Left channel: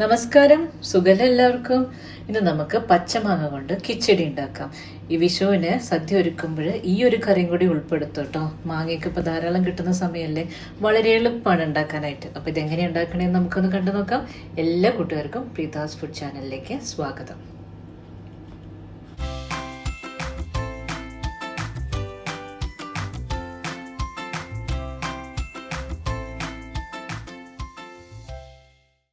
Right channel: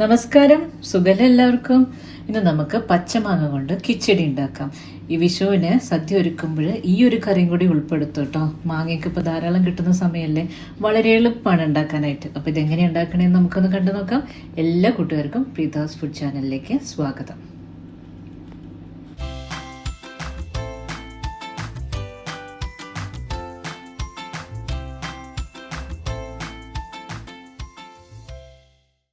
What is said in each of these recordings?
നമസ്കാരം, സുഖം എല്ലാവർക്കും. ഇന്ന് നമുക്ക് പച്ചമാങ്ങ കൊണ്ട് കിച്ചടി ഉണ്ടാക്കാം. ഈ വിഷുവിന് സദ്യ ഒരുക്കുമ്പോൾ ഈ ഒരു കറിയും കൂടി ഉൾപ്പെടുത്തും കേട്ടോ. മാങ്ങയൊക്കെ ഇപ്പൊ ധാരാളം കിട്ടുന്ന സമയമല്ലേ, വളരെ എളുപ്പമാണ് ഉണ്ടാക്കാനായിട്ട്. അപ്പൊ ഇതെങ്ങനെ ഉണ്ടാക്കണേന്ന് നമുക്കൊന്ന് കണ്ടു നോക്കാം. എല്ലാ കൂട്ടുകാർക്കും പ്രീതാസ് ഫുഡ് ചാനലിലേക്ക് സ്വാഗതം.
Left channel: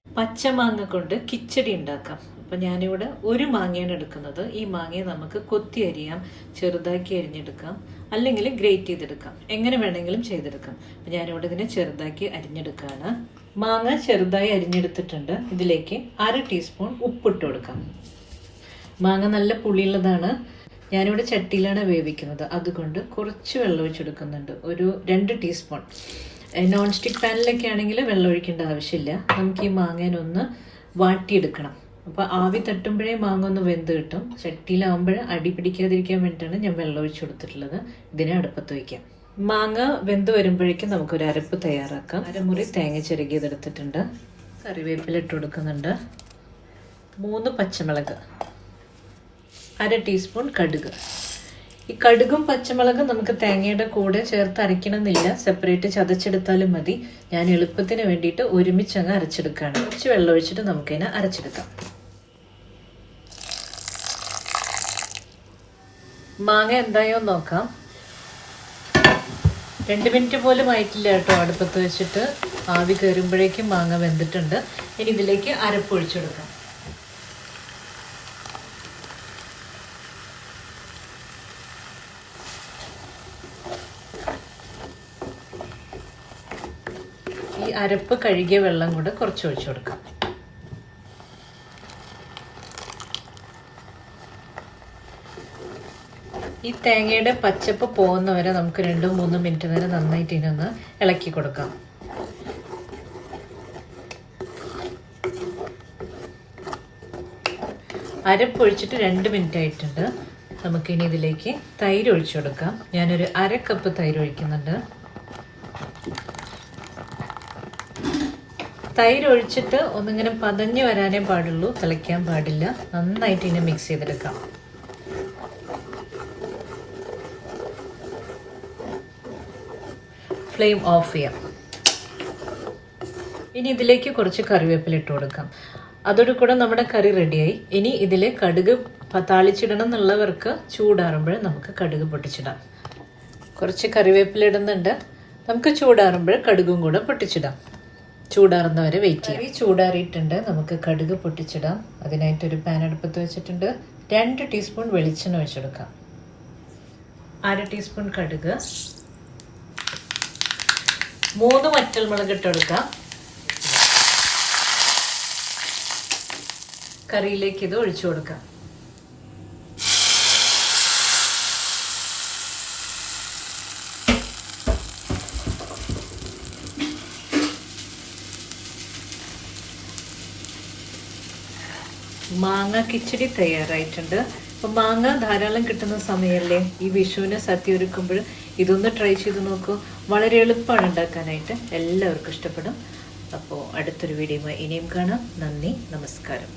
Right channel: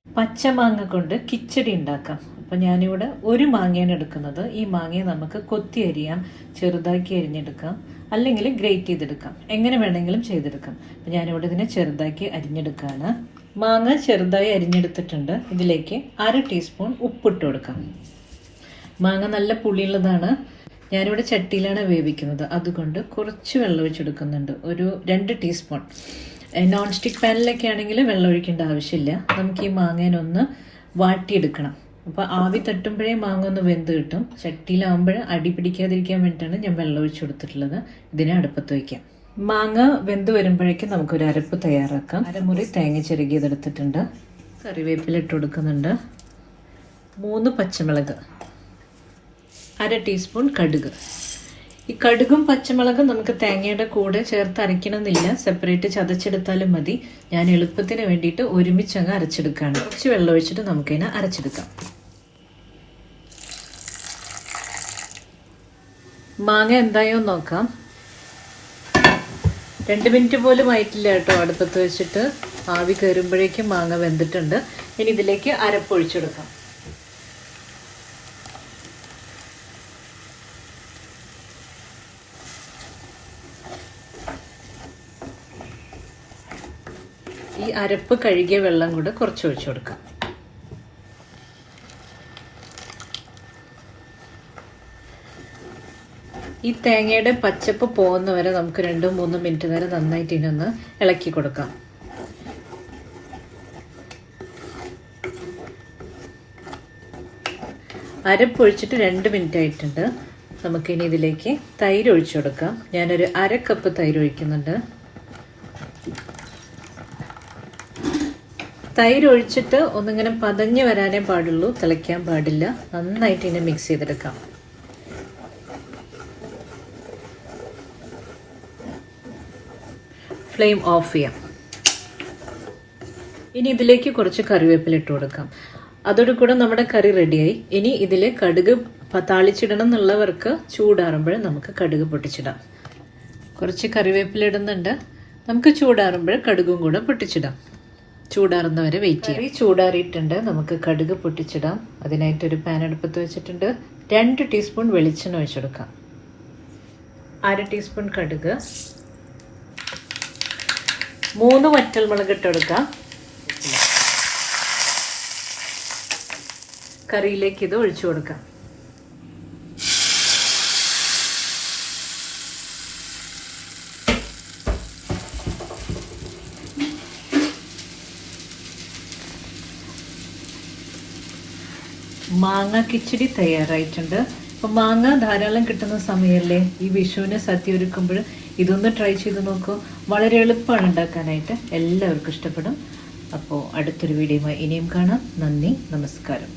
പച്ചമാങ്ങ കൊണ്ട് കിച്ചടി ഉണ്ടാക്കാം. അപ്പം ഞാനിവിടെ ഒരു മാങ്ങയാണ് എടുക്കുന്നത്. ഈ മാങ്ങയെ നമുക്ക് കൊത്തി അരിയാം, ചെറുതാക്കി അരിഞ്ഞെടുക്കാം, അല്ലെങ്കിൽ ഗ്രേറ്റ് ചെയ്തെടുക്കാം. എങ്ങനെ വേണമെങ്കിലും ചെയ്തെടുക്കാം. അപ്പം ഞാനിവിടെ ഇതിനെ ചെറുതാക്കി അരിഞ്ഞെടുക്കുകയാണ്. മാങ്ങ ചെറുതായി അരിഞ്ഞെടുത്തിട്ടുണ്ട്. ഇതിലേക്ക് 1/2 ടീസ്പൂൺ ഉപ്പിട്ട് കൊടുക്കാം. മാങ്ങ നല്ല പുളിയുള്ളതാണ്. ഞാനിവിടെ ചട്ടിയിലാണ് വേവിക്കുന്നത്, അതുകൊണ്ട് കുറച്ച് വെള്ളം ഒഴിച്ചെടുക്കുന്നുണ്ട്. ഒരു 2 ടീസ്പൂൺ. നോൺ സ്റ്റിക്ക് പാനിലൊക്കെ ആണെങ്കിൽ വെള്ളം ഒഴിക്കേണ്ട ആവശ്യമില്ല. നമുക്ക് ഈ മാങ്ങേനൊന്ന് വാട്ടിയെടുക്കണം. അപ്പോൾ ആവി തട്ടുമ്പോഴേ മാങ്ങ ഒന്ന് വെന്ത് കിട്ടും. ചട്ടിയിലാവുമ്പോൾ അടി പിടിക്കാതിരിക്കാൻ വേണ്ടിയിട്ടാണ് ഞാൻ വെള്ളം ഒഴിച്ചു കൊടുത്തിട്ടുള്ളത്. ഇതിനെ അടുപ്പത്ത് വയ്ക്കാം. മാങ്ങ വെന്ത് വരുമ്പോഴേക്കും നമുക്കൊരു അരപ്പ് തയ്യാറാക്കാം. അരമുറി തേങ്ങ ചിരകിയതെടുത്തിട്ടുണ്ട്. കറിവേപ്പില ഇട്ട് കൊടുക്കുന്നുണ്ട്. 3 പച്ചമുളക്, 1/2 ടീസ്പൂൺ കടുക്. ഈ കടുകും പച്ചമുളകും നമുക്ക് തേങ്ങയുടെ കൂടെ ചേർത്ത് അരയ്ക്കണമെന്നില്ല, സെപ്പറേറ്റ് ചതച്ചെടുത്താലും മതി. ഞാൻ എളുപ്പത്തിന് വേണ്ടിയിട്ട് ഒരുമിച്ച് അങ്ങ് അരച്ചെടുക്കുകയാണ്. കുറച്ച് വെള്ളം ഒഴിച്ചിട്ട് നമുക്കതിനെ അരച്ചെടുക്കാം. മാങ്ങ എന്തായോ നോക്കാം. 2 മിനിറ്റ് പോലും ആയിട്ടില്ല കേട്ടോ. അടുപ്പത്ത് വെച്ചിട്ട് ആവി കയറുമ്പോഴേക്കും മാങ്ങ വെന്തിട്ടുണ്ട്. ഇനി ഇതിലേക്ക് അരപ്പ് ഒഴിച്ചെടുക്കാം. ഈ അരപ്പ് കഴുകിയ വെള്ളം കൂടെ കുറച്ച് ഒഴിച്ചു കൊടുക്കാം. ഈ തേങ്ങയുടെ പച്ചപ്പ് പോകുന്നവരെ നമുക്ക് 2-3 മിനിറ്റ് നേരം നന്നായിട്ട് ഇതിനൊന്ന് ഇളക്കി കൊടുക്കാം. അരപ്പ് ഒഴിച്ചിട്ട് 2 മിനിറ്റ് ആയിട്ടുണ്ട്. നമുക്കിനി ഇതിലേക്ക് തൈര് ഒഴിച്ചു കൊടുക്കാം. ഞാനൊരു 1/2 കപ്പ് തൈര് ഒഴിക്കുന്നുണ്ട്. തൈര് ഒഴിച്ചിട്ട് ഒന്നിങ്ങനെ പതഞ്ഞ് വരാനേ പാടുള്ളൂ, തിളയ്ക്കാൻ പാടില്ല. നന്നായിട്ട് ഇതിനെ മിക്സ് ചെയ്തെടുക്കാം. ഫ്ലെയിം ഓഫ് ചെയ്യാം. ഇനി ഇതിലേക്ക് കുറച്ച് കറിവേപ്പില ഇട്ട് കൊടുക്കാം. അതോടുകൂടെ നമ്മുടെ കറി റെഡിയായി. ഇനി ഇതിൽ കടുക് താളിച്ചിടണം എന്നുള്ളവർക്ക് ചൂടാറുമ്പോൾ നമുക്ക് കടുക് പൊട്ടിച്ചിടാം. കുറച്ച് കറിവേപ്പില ഇടുന്നുണ്ട്. നമുക്ക് ചൂടാറുമ്പോൾ കടുകും കൂടെ പൊട്ടിച്ചിടാം. ചൂടാറുന്നവരെ വെയിറ്റ് ചെയ്യാം. ചൂടാറിയിട്ടുണ്ട്. നമുക്ക് കടുക് പൊട്ടിച്ചിടാം. അതിനായിട്ടൊരു പാൻ അടുപ്പത്ത് വെച്ചിട്ടുണ്ട്. 2 ടീസ്പൂൺ വെളിച്ചെണ്ണ ഒഴിച്ചെടുക്കാം. 1/2 ടീസ്പൂൺ കടുക്, 3 വറ്റൽമുളക് ഇട്ടെടുക്കാം. കറിയിലേക്ക് ഇത് ഒഴിച്ചു കൊടുക്കാം. മാങ്ങ കിച്ചടി തയ്യാറായിട്ടുണ്ട്. അപ്പം മാങ്ങ ധാരാളം കിട്ടുന്ന സമയമല്ലേ, ഈ വിഷുവിന് സദ്യ ഒരുക്കുമ്പോൾ ഇതൊന്ന് ട്രൈ ചെയ്ത് നോക്കൂ. വളരെ എളുപ്പമാണ് ഉണ്ടാക്കാനായിട്ട്. എല്ലാവർക്കും ഇഷ്ടപ്പെടും. അപ്പോൾ അടുത്തൊരു വീഡിയോയുമായി ഇനിയും കാണാം. നന്ദി, നമസ്കാരം.